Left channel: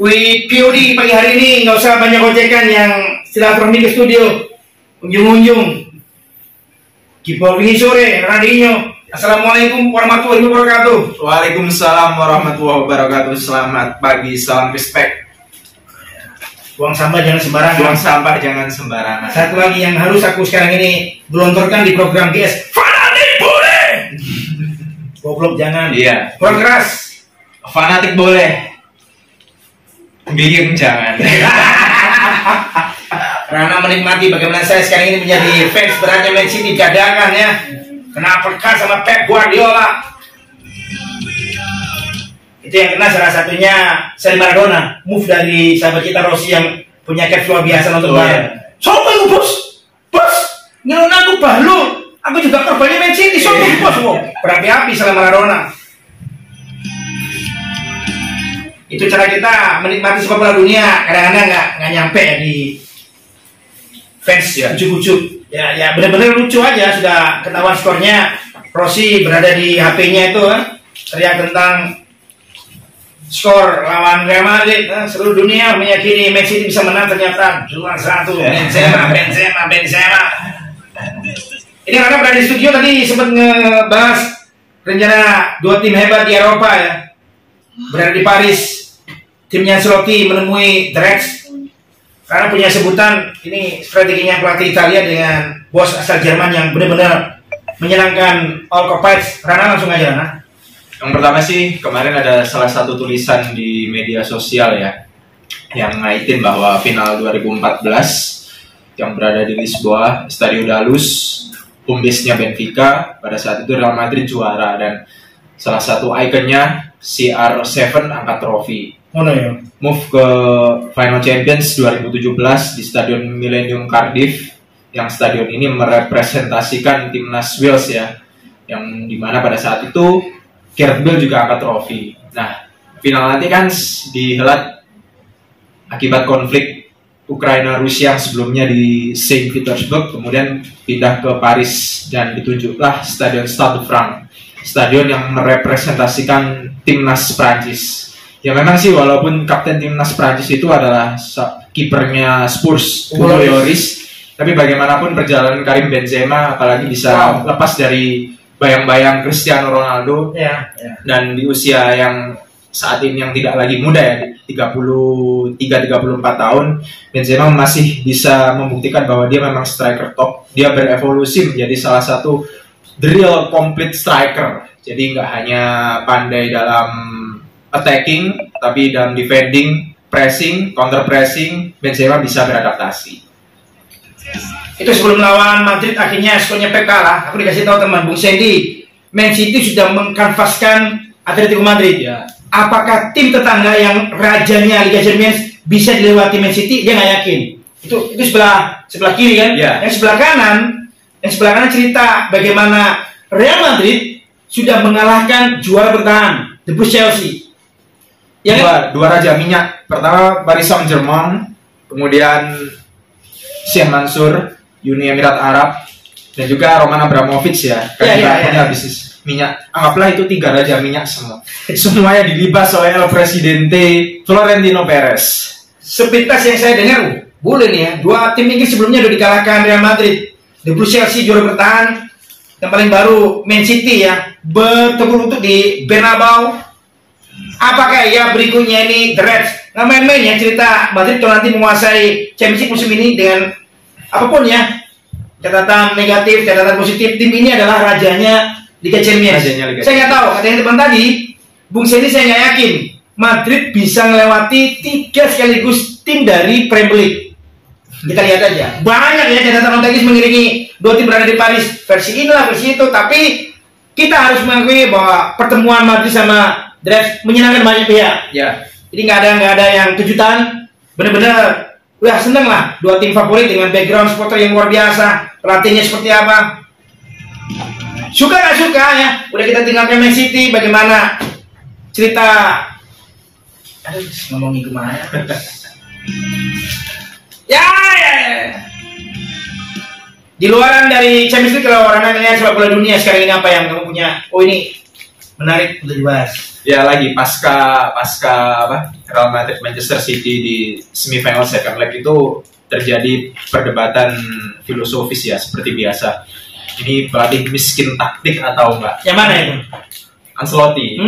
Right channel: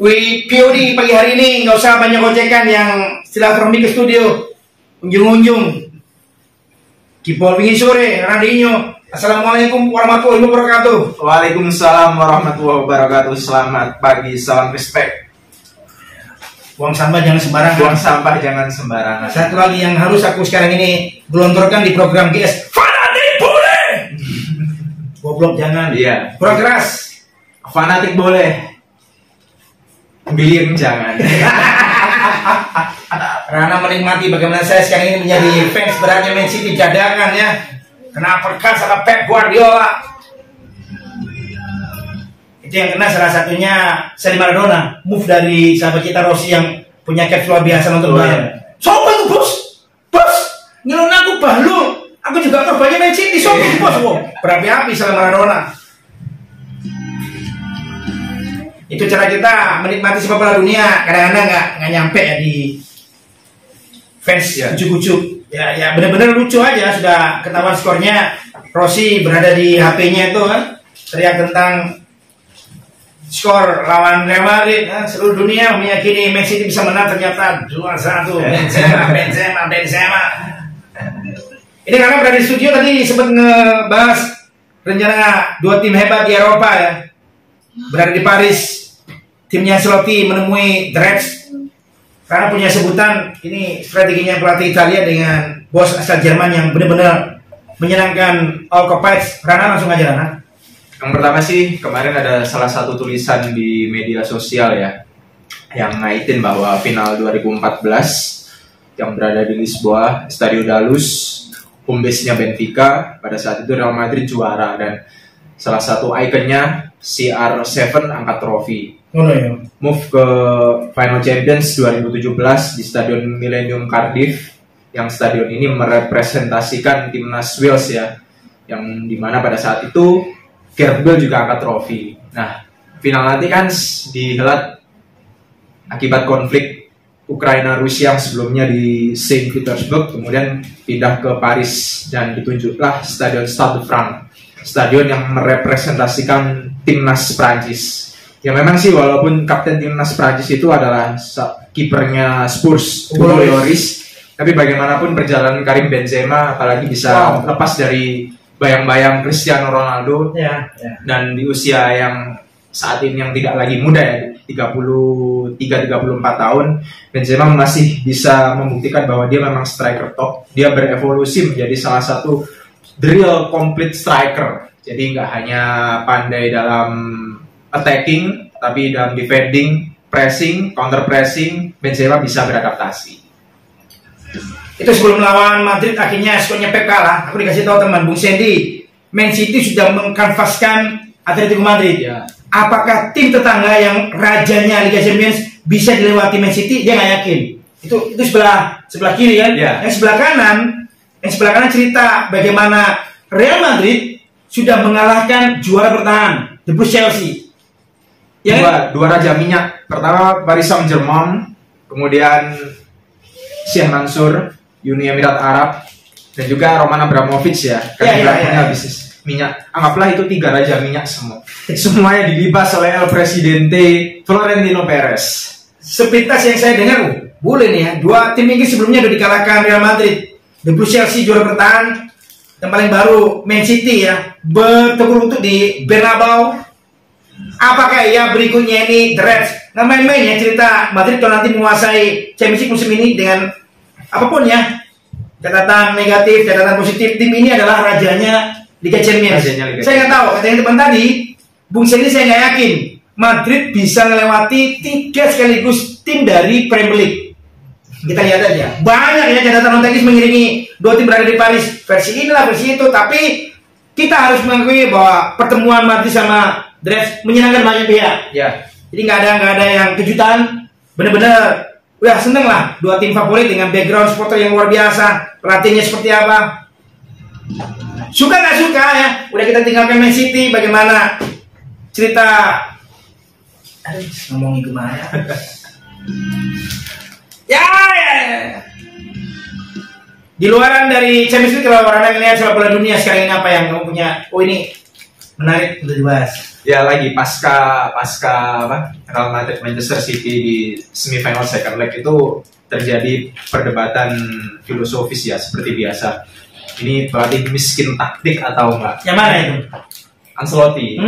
Wih, POD pagi hari ini nggak usah banyak ocekan yang silaturahmi ke studio, unjung-unjung. Kipol pingin sore, Radinyo. Assalamualaikum warahmatullahi wabarakatuh. Waalaikumsalam warahmatullahi wabarakatuh. Selamat pagi, salam respect. Buang sampah jangan sembarangan. Buang sampah jangan sembarangan. Satu lagi yang harus aku sekarang ini gelontorkan di program GS. Fanatik boleh. Goblok jangan. Iya. Kurang keras. Fanatik boleh. Bingung jangan. Karena menikmati bagaimana saya sekarang ini menjadi fans beratnya Man City cadangan ya. Kenapa kan sama Pep Guardiola? Itu yang kena salah satunya Seri Maradona, move dari sahabat kita Rossi yang punya caps luar biasa nonton Bayern. Sopo itu bos? Bos, ngelon aku bahlu. Aku juga korbannya Man City, sopo itu bos? Berapi-api sama Maradona. Itu cara kita menikmati sepak bola dunia. Kadang-kadang nggak nyampe ya di fans ya, ujuk-ujuk. Ya benar-benar lucu aja. Sudah ketahuan skornya. Rossi berada di HP-nya itu teriak tentang skor lawan Real Madrid. Seluruh dunia meyakini Man City bisa menang, ternyata 2-1. Benzema. Ini karena berada di studio tadi sempat ngebahas rencana dua tim hebat di Eropa ya. Berada di Paris, timnya Ancelotti menemui The Reds karena punya sebutan ini strateginya pelatih Italia dengan bos asal Jerman yang benar-benar menyenangkan all occupied. Rana langsung aja Rana. Yang pertama sih kemarin ada salah satu tulisan di media sosial ya yang ngaitin bahwa final 2014 yang berada di Lisboa, Estadio da Luz, home base-nya Benfica, pada saat itu Real Madrid juara dan salah satu ikonnya CR7 angkat trofi. Move ke Final Champions 2017 di Stadion Millennium Cardiff, yang stadion ini merepresentasikan timnas Wales ya, yang dimana pada saat itu Gareth Bale juga angkat trofi. Nah, final nanti kan dihelat akibat konflik Ukraina-Rusia yang sebelumnya di Saint Petersburg, kemudian pindah ke Paris dan ditunjuklah Stadion Stade de France, stadion yang merepresentasikan timnas Prancis. Ya memang sih walaupun kapten timnas Prancis itu adalah kipernya Spurs, Hugo Lloris, tapi bagaimanapun perjalanan Karim Benzema apalagi bisa lepas dari bayang-bayang Cristiano Ronaldo dan di usia yang saat ini yang tidak lagi muda ya, 33-34 tahun, Benzema masih bisa membuktikan bahwa dia memang striker top. Dia berevolusi menjadi salah satu the real complete striker. Jadi nggak hanya pandai dalam attacking, tapi dalam defending, pressing, counter pressing, Benzema bisa beradaptasi. Itu sebelum lawan Madrid akhirnya skornya Pep kalah. Aku dikasih tahu teman Bung Sandy, Man City sudah mengkanvaskan Atletico Madrid. Ya. Apakah tim tetangga yang rajanya Liga Champions bisa dilewati Man City? Dia nggak yakin. Itu sebelah kiri kan? Ya. Yang sebelah kanan cerita bagaimana Real Madrid sudah mengalahkan juara bertahan, The Blues Chelsea. Ya, dua raja minyak. Pertama Paris Saint-Germain, kemudian Sheikh Mansour, Uni Emirat Arab, dan juga Roman Abramovich ya. Punya bisnis minyak. Anggaplah itu 3 raja minyak semua. Semuanya dilibas oleh El Presidente Florentino Perez. Sepintas yang saya dengar, boleh nih ya. Dua tim ini sebelumnya sudah dikalahkan Real Madrid. The Blues Chelsea juara bertahan. Yang paling baru Man City ya, bertemu untuk di Bernabeu. Apakah ya berikutnya ini The Reds? Nggak main-main ya cerita Madrid kalau nanti menguasai Championship musim ini dengan apapun ya, catatan negatif, catatan positif, tim ini adalah rajanya Liga Champions. Saya nggak tahu, katanya teman tadi, Bung Sandy saya nggak yakin Madrid bisa melewati 3 sekaligus tim dari Premier League. Kita lihat aja, banyak ya catatan teknis mengiringi 2 tim berada di Paris, versi inilah versi itu, tapi kita harus mengakui bahwa pertemuan Madrid sama The Reds menyenangkan banyak pihak. Ya. Jadi nggak ada yang kejutan, bener-bener udah seneng lah 2 tim favorit dengan background supporter yang luar biasa, pelatihnya seperti apa. Suka nggak suka ya, udah kita tinggalkan Man City, bagaimana cerita? Aduh, ngomongin kemana? ya. Di luaran dari Champions League, kalau orang melihat sepak bola dunia sekarang ini apa yang kamu punya? Oh ini Menarik untuk dibahas. Ya lagi pasca apa Real Madrid Manchester City di semifinal second leg itu terjadi perdebatan filosofis ya seperti biasa. Ini pelatih miskin taktik atau enggak? Yang mana itu? Ancelotti.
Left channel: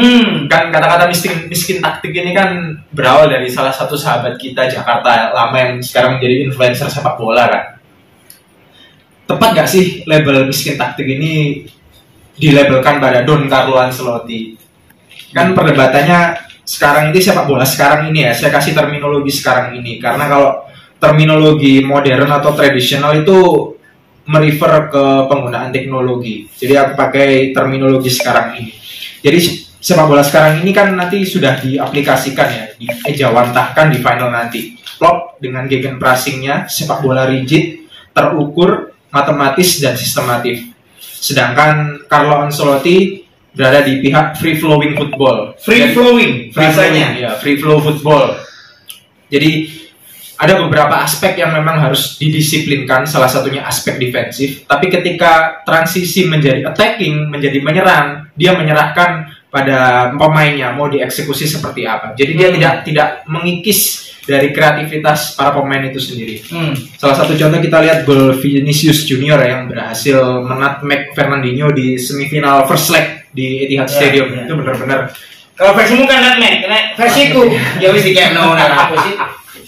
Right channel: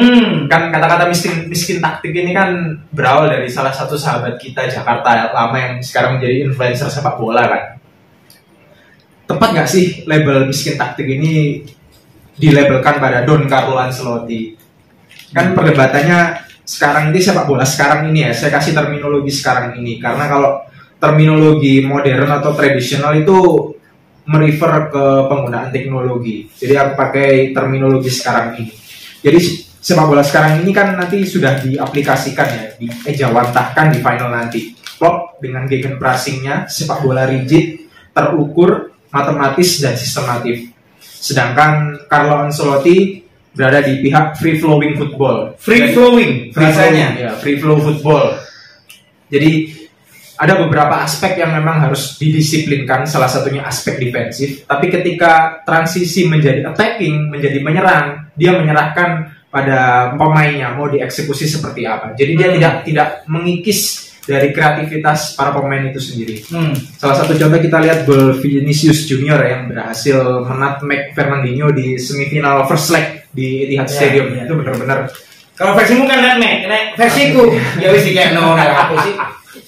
Kan kata-kata miskin taktik ini kan berawal dari salah satu sahabat kita Jakarta lama yang sekarang menjadi influencer sepak bola kan. Tepat nggak sih label miskin taktik ini dilabelkan pada Don Carlo Ancelotti? Kan perdebatannya sekarang ini sepak bola sekarang ini ya, saya kasih terminologi sekarang ini karena kalau terminologi modern atau tradisional itu merefer ke penggunaan teknologi. Jadi aku pakai terminologi sekarang ini. Jadi sepak bola sekarang ini kan nanti sudah diaplikasikan ya, diejawantahkan di final nanti. Klopp dengan gegenpressingnya, sepak bola rigid, terukur, matematis dan sistematif. Sedangkan Carlo Ancelotti berada di pihak free flowing football. Free flowing Ya, free flow football. Jadi ada beberapa aspek yang memang harus didisiplinkan, salah satunya aspek defensif. Tapi ketika transisi menjadi attacking, menjadi menyerang, dia menyerahkan pada pemainnya mau dieksekusi seperti apa. Jadi dia tidak mengikis dari kreativitas para pemain itu sendiri. Salah satu contoh kita lihat gol Vinicius Junior yang berhasil menutmeg Fernandinho di semifinal first leg di Etihad Stadium. Itu benar-benar. Kalau versimu kan nutmeg, versiku ya wis iki aku sih.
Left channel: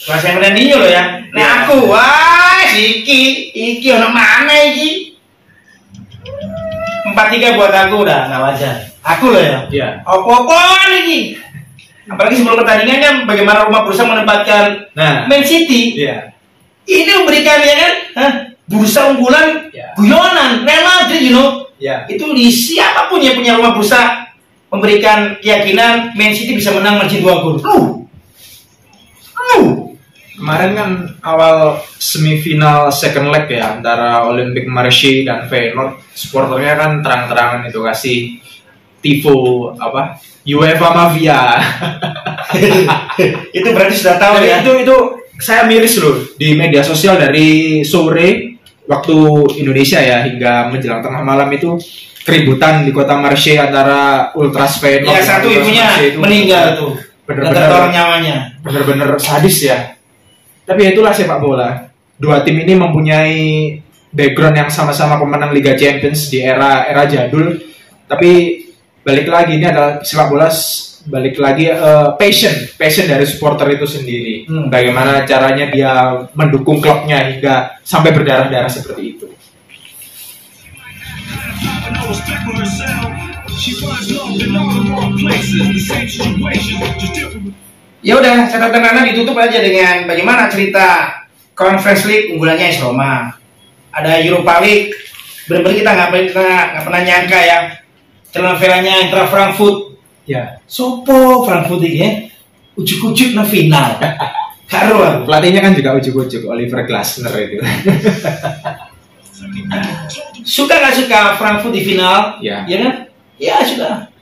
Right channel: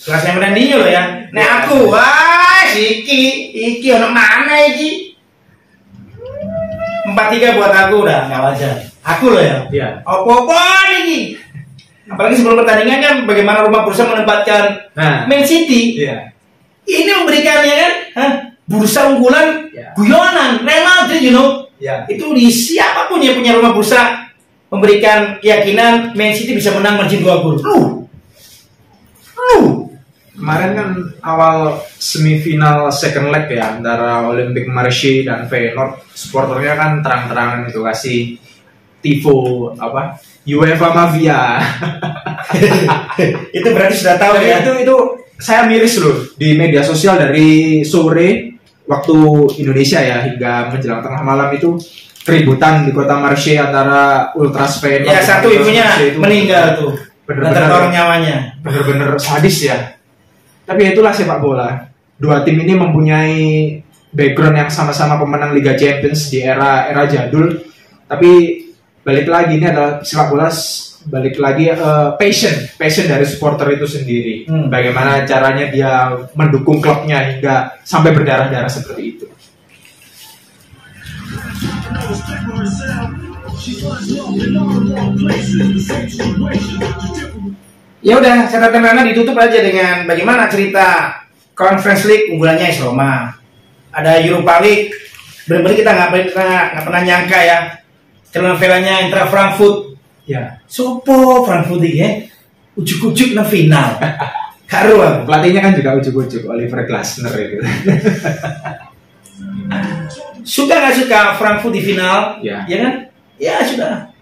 Kalau saya Fernandinho loh ya. Nah aku, wah iki ono mana iki? 4-3 buat aku udah nggak wajar. Aku loh ya. Iya. Apa-apa iki? Apalagi sebelum pertandingan kan bagaimana rumah bursa menempatkan Man City. Iya. Ini memberikan ya kan, bursa unggulan, guyonan, Real Madrid, Itu di siapapun yang punya rumah bursa memberikan keyakinan Man City bisa menang margin 2 gol. Kemarin kan awal semifinal second leg ya antara Olympique Marseille dan Feyenoord, supporternya kan terang-terangan itu kasih tifo apa? UEFA Mafia. Itu berarti sudah tahu ya. Itu saya miris loh di media sosial dari sore waktu Indonesia ya hingga menjelang tengah malam itu keributan di kota Marseille antara Ultras Feyenoord. Ya satu ibunya meninggal tuh. Bener-bener nyawanya. Bener-bener sadis ya. Tapi itulah sepak bola. Dua tim ini mempunyai background yang sama-sama pemenang Liga Champions di era jadul. Tapi balik lagi ini adalah sepak bola balik lagi passion dari supporter itu sendiri. Bagaimana caranya dia mendukung klubnya hingga sampai berdarah-darah seperti itu. Ya udah, catatan Rana ditutup aja dengan bagaimana cerita Conference League unggulannya AS Roma. Ada Europa League, benar-benar kita nggak pernah nyangka ya. Telenovela-nya Eintracht Frankfurt. Ya. Sopo Frankfurt ini ya? Ujuk-ujuk na final. Karo. Pelatihnya kan juga ujuk-ujuk Oliver Glasner itu. Suka nggak suka Frankfurt di final? Ya. Ya kan? Ya sudah.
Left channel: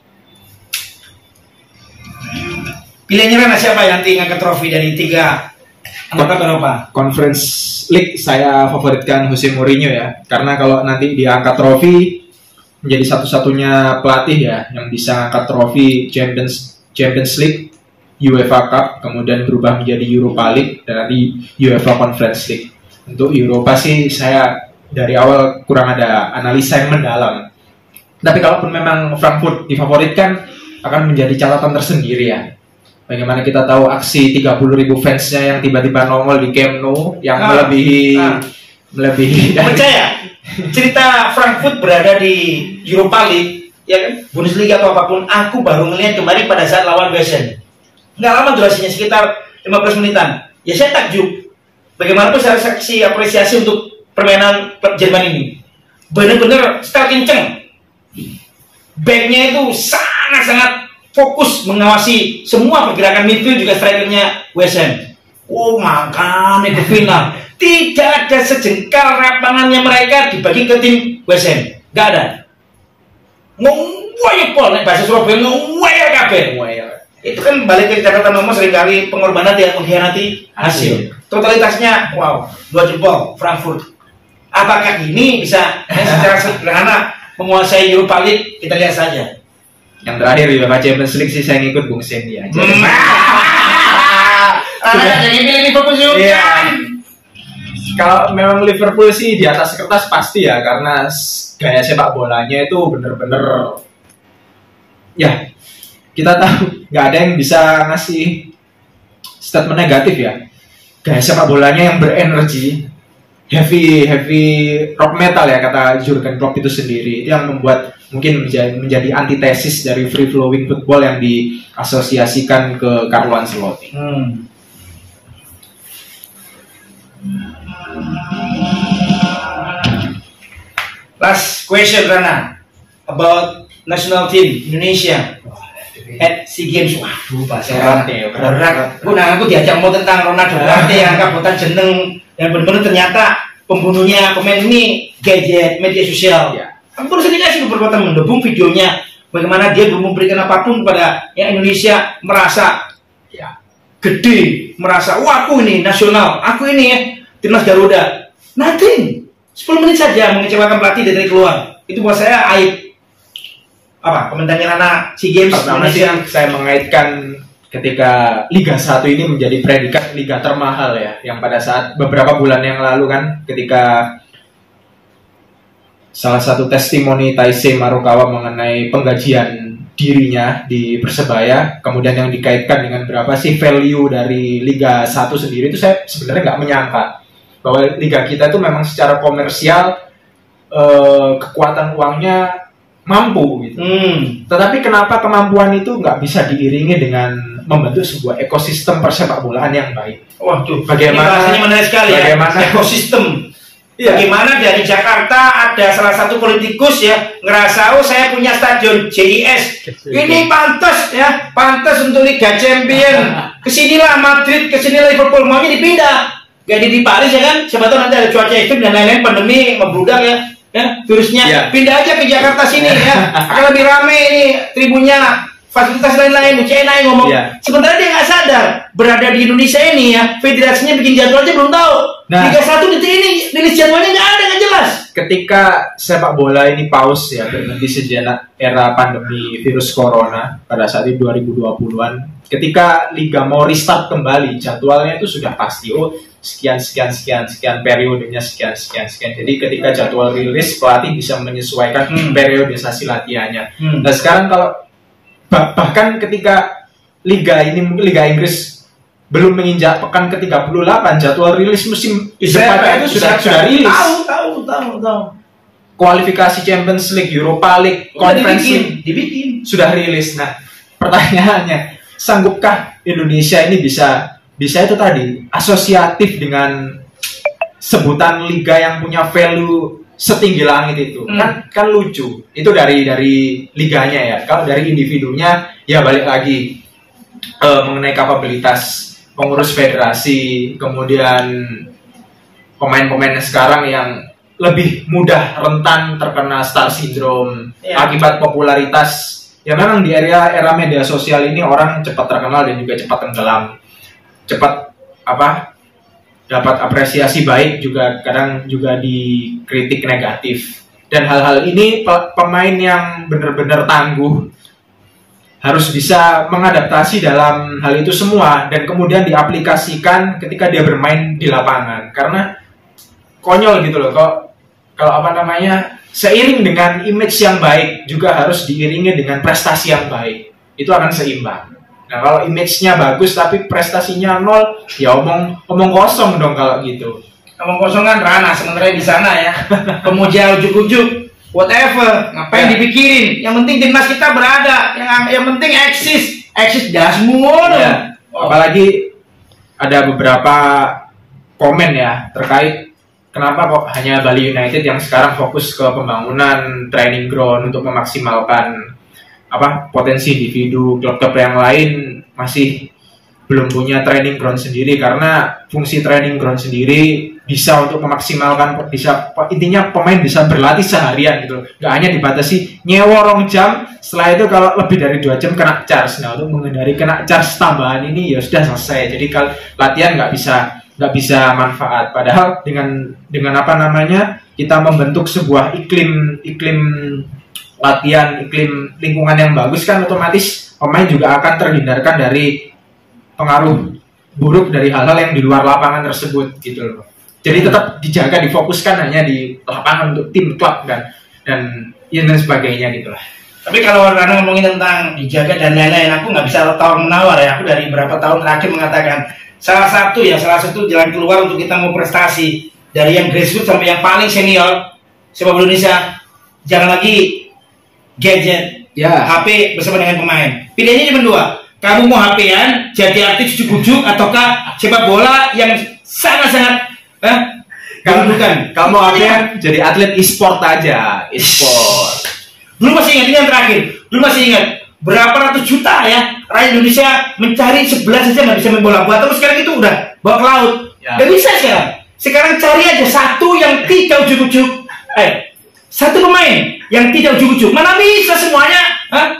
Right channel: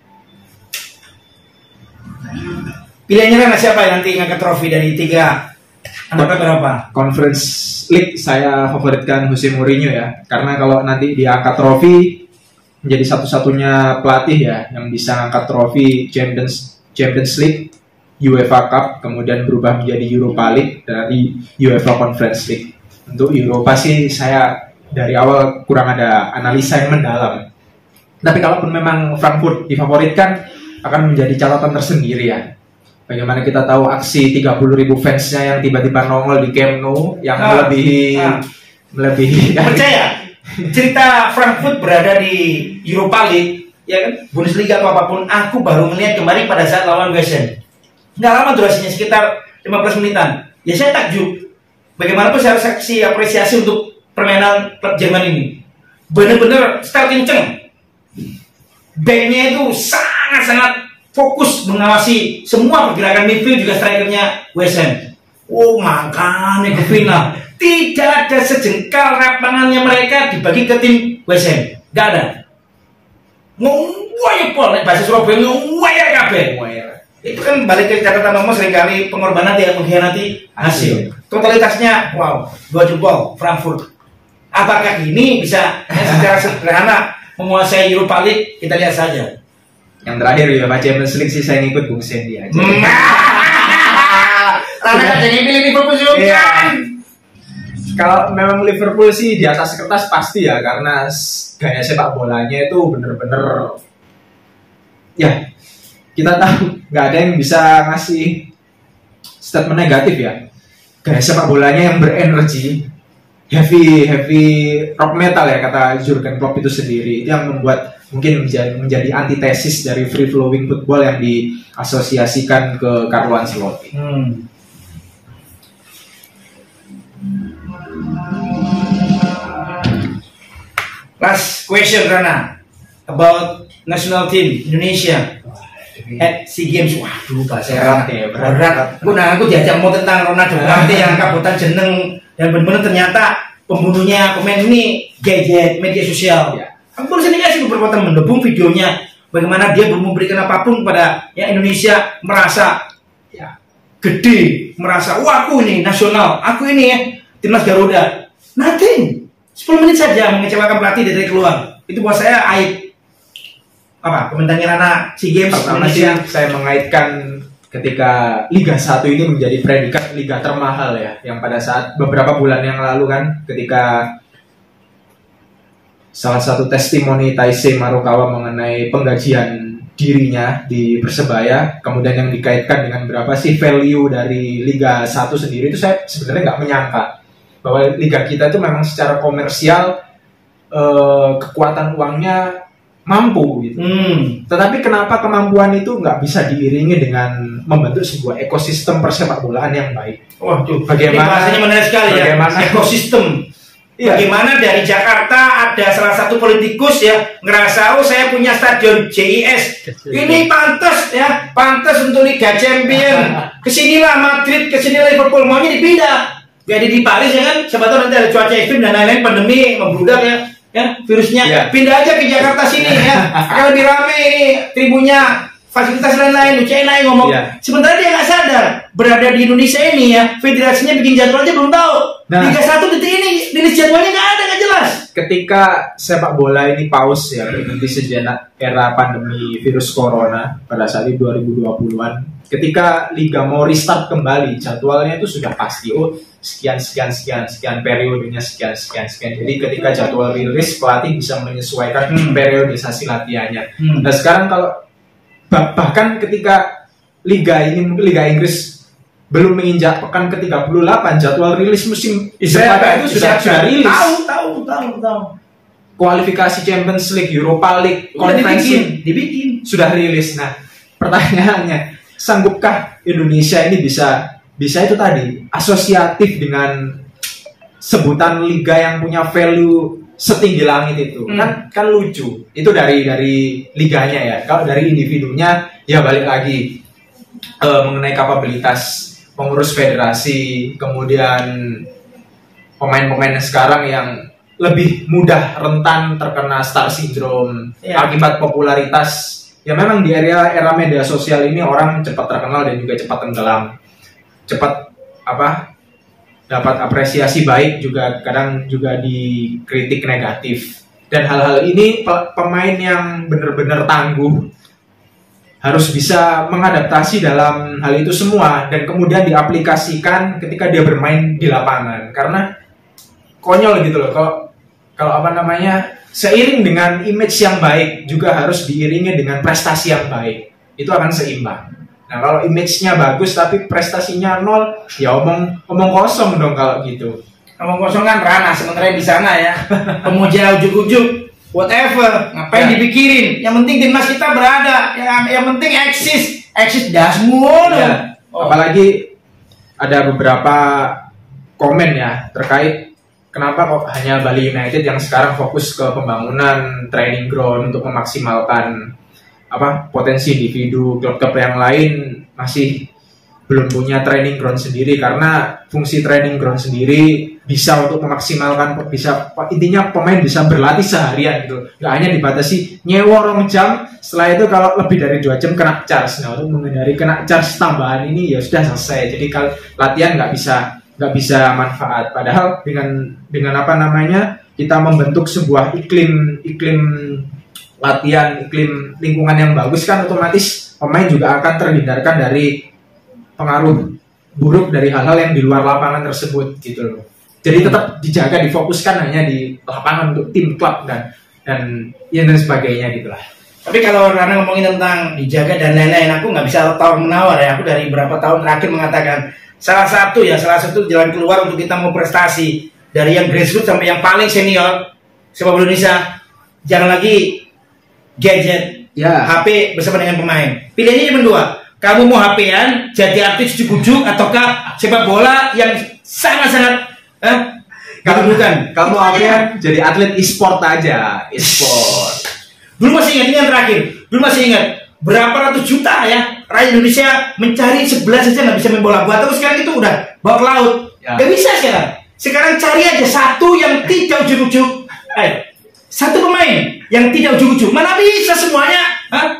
Pilihannya Rana siapa yang nanti ngangkat trofi dari 3 anak berapa? Conference League saya favoritkan Jose Mourinho ya. Karena kalau nanti dia angkat trofi menjadi satu-satunya pelatih ya yang bisa angkat trofi Champions League, UEFA Cup, kemudian berubah menjadi Europa League dan nanti UEFA Conference League. Untuk Europa sih saya dari awal kurang ada analisa yang mendalam. Tapi kalaupun memang Frankfurt difavoritkan akan menjadi catatan tersendiri ya. Bagaimana kita tahu aksi 30.000 fansnya yang tiba-tiba nongol di Camp Nou yang melebihi percaya cerita Frankfurt berada di Europa League ya kan, Bundesliga atau apapun, aku baru melihat kemarin pada saat lawan West Ham. Nggak lama durasinya, sekitar 15 menitan. Ya saya takjub. Bagaimanapun saya harus kasih apresiasi untuk permainan Jerman ini. Benar-benar style kenceng. Backnya itu sangat-sangat fokus mengawasi semua pergerakan midfield juga strikernya West Ham. Oh makanya ke final. Tidak ada sejengkal lapangannya mereka dibagi ke tim West Ham. Gak ada. Ngoyek pol, bahasa Surabaya ngoyek kabeh. Itu kan balik ke catatan nomor seringkali pengorbanan yang mengkhianati hasil. Totalitasnya wow, 2 jempol Frankfurt. Apakah ini bisa secara sederhana menguasai Europa League? Kita lihat saja. Yang terakhir UEFA Champions League sih saya ngikut Bung Sandy aja. Karena jadi pilih Liverpool juga. Iya. Kalau memang Liverpool sih di atas kertas pasti ya, karena gaya sepak bolanya itu bener-bener ya, kita tahu nggak ada yang bisa ngasih statement negatif ya. Gaya sepak bolanya yang berenergi, heavy rock metal ya kata Jurgen Klopp itu sendiri. Itu yang membuat mungkin menjadi antitesis dari free flowing football yang diasosiasikan ke Carlo Ancelotti. Last question Rana about national team Indonesia at SEA Games. Waduh, bahasa Berat ya, berat. Aku diajak mau tentang Ronaldo yang kabutan jeneng dan benar-benar ternyata pembunuhnya pemain ini gadget media sosial. Ya. Aku sendiri sudah berkata mendukung videonya bagaimana dia belum memberikan apapun kepada yang Indonesia merasa ya gede, merasa wah aku ini nasional, aku ini ya timnas Garuda. Nothing. 10 menit saja mengecewakan pelatih dari keluar. Itu buat saya aib. Apa komentarnya Rana SEA Games pertama sih saya mengaitkan ketika Liga 1 ini menjadi predikat liga termahal ya, yang pada saat beberapa bulan yang lalu kan ketika salah satu testimoni Taisei Marukawa mengenai penggajian dirinya di Persebaya, kemudian yang dikaitkan dengan berapa sih value dari Liga 1 sendiri, itu saya sebenarnya nggak menyangka bahwa liga kita itu memang secara komersial kekuatan uangnya mampu gitu. Tetapi kenapa kemampuan itu nggak bisa diiringi dengan membentuk sebuah ekosistem persepak bolaan yang baik? Wah, tuh bagaimana? Ini menarik sekali bagaimana ya. Ekosistem. Iya. Bagaimana dari Jakarta ada salah satu politikus ya ngerasa oh saya punya stadion JIS ini pantas ya, pantas untuk Liga Champion. Kesinilah Madrid, kesinilah Liverpool, maunya dipindah. Jadi di Paris ya kan, siapa tahu nanti ada cuaca ekstrim dan lain-lain, pandemi membludak ya virusnya, pindah aja ke Jakarta sini ya, akan lebih rame ini tribunnya, fasilitas lain-lain, UCNA ngomong. Sebenarnya dia nggak sadar berada di Indonesia ini ya, federasinya bikin jadwalnya belum tahu. Liga 1 detik ini rilis jadwalnya nggak jelas. Ketika sepak bola ini pause ya, berhenti sejenak era pandemi virus corona pada saat itu 2020-an. Ketika liga mau restart kembali, jadwalnya itu sudah pasti. Oh, sekian periodenya sekian. Jadi ketika jadwal rilis, pelatih bisa menyesuaikan periodisasi latihannya. Nah sekarang kalau bahkan ketika liga Inggris belum menginjak pekan ke-38, jadwal rilis musim depannya itu sudah rilis. Tahu. Kualifikasi Champions League, Europa League, Conference League dibikin. Sudah rilis. Nah, pertanyaannya, sanggupkah Indonesia ini bisa itu tadi asosiatif dengan sebutan liga yang punya value setinggi langit itu? Kan lucu. Itu dari liganya ya. Kalau dari individunya ya balik lagi mengenai kapabilitas pengurus federasi, kemudian pemain-pemain sekarang yang lebih mudah rentan terkena star syndrome akibat popularitas. Ya memang di era media sosial ini orang cepat terkenal dan juga cepat tenggelam, cepat dapat apresiasi baik, juga kadang juga dikritik negatif. Dan hal-hal ini pemain yang benar-benar tangguh harus bisa mengadaptasi dalam hal itu semua dan kemudian diaplikasikan ketika dia bermain di lapangan. Karena konyol gitu loh, kalau seiring dengan image yang baik juga harus diiringi dengan prestasi yang baik. Itu akan seimbang. Nah kalau image-nya bagus tapi prestasinya nol, ya omong kosong dong kalau gitu. Omong kosong kan Rana, sementara di sana ya pemuja ujuk-ujuk whatever, ngapain dipikirin? Yang penting timnas kita berada, yang penting eksis dah semua. Apalagi ada beberapa komen ya terkait kenapa kok hanya Bali United yang sekarang fokus ke pembangunan training ground untuk memaksimalkan potensi individu, klub-klub yang lain masih belum punya training ground sendiri, karena fungsi training ground sendiri bisa untuk memaksimalkan, intinya pemain bisa berlatih seharian gitu, nggak hanya dibatasi nyewa 2 jam, setelah itu kalau lebih dari 2 jam kena charge. Nah untuk menghindari kena charge tambahan ini ya sudah selesai, jadi kalau latihan nggak bisa manfaat. Padahal dengan kita membentuk sebuah iklim latihan, iklim lingkungan yang bagus kan otomatis pemain juga akan terhindarkan dari pengaruh buruk dari hal-hal yang di luar lapangan tersebut gitu loh. Jadi tetap dijaga, difokuskan hanya di lapangan untuk tim klub dan sebagainya gitu lah. Tapi kalau karena ngomongin tentang dijaga dan lain-lain, aku nggak bisa tawar menawar ya. Aku dari beberapa tahun terakhir mengatakan salah satu jalan keluar untuk kita mau prestasi dari yang grassroots sampai yang paling senior sepak bola Indonesia, jangan lagi gadget, HP bersama dengan pemain. Pilihannya cuma dua. Kamu mau HP-an, jadi artis ujuk-ujuk, ataukah sepak bola yang sangat-sangat bukan. Kamu HP-an jadi atlet e-sport aja, e-sport. Dulu masih ingat ini yang terakhir. Dulu masih ingat berapa ratus juta ya rakyat Indonesia mencari 11 saja nggak bisa main bola. Buat terus sekarang itu udah bawa ke laut. Nggak bisa sekarang. Sekarang cari aja satu yang tidak ujuk-ujuk. Satu pemain yang tidak ujuk-ujuk. Mana bisa semuanya?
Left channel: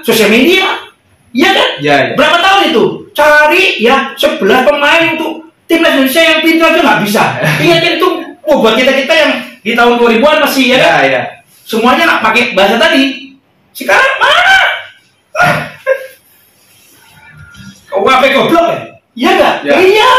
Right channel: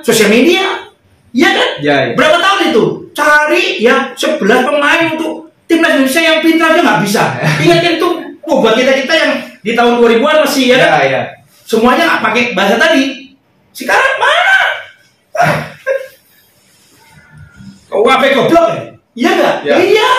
Sosial media. Iya kan? Ya. Berapa tahun itu? Cari ya 11 pemain untuk timnas Indonesia yang pintar aja nggak bisa. Ingatkan itu buat kita yang di tahun 2000-an masih ya kan? Ya. Semuanya nggak pakai bahasa tadi. Sekarang mana? Kau apa goblok ya? Iya nggak? Ya. Iya.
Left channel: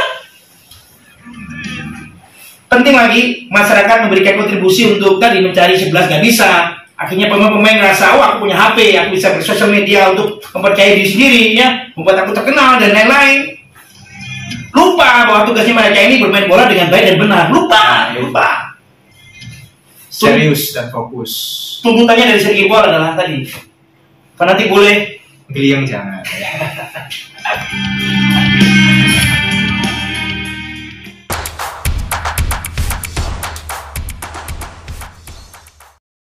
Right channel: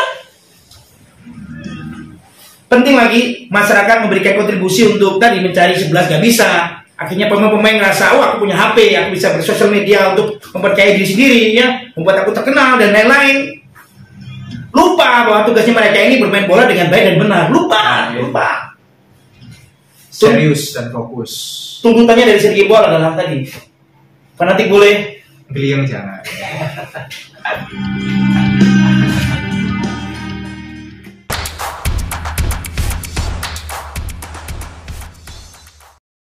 Penting lagi masyarakat memberikan kontribusi untuk tadi mencari 11 nggak bisa. Akhirnya pemain rasa, aku punya HP, aku bisa bersosial media untuk mempercayai diri sendiri, ya, membuat aku terkenal dan lain-lain. Lupa bahwa tugasnya mereka ini bermain bola dengan baik dan benar. Lupa. Serius dan fokus. Tuntutannya dari segi bola adalah tadi fanatik boleh, Geliang jangan.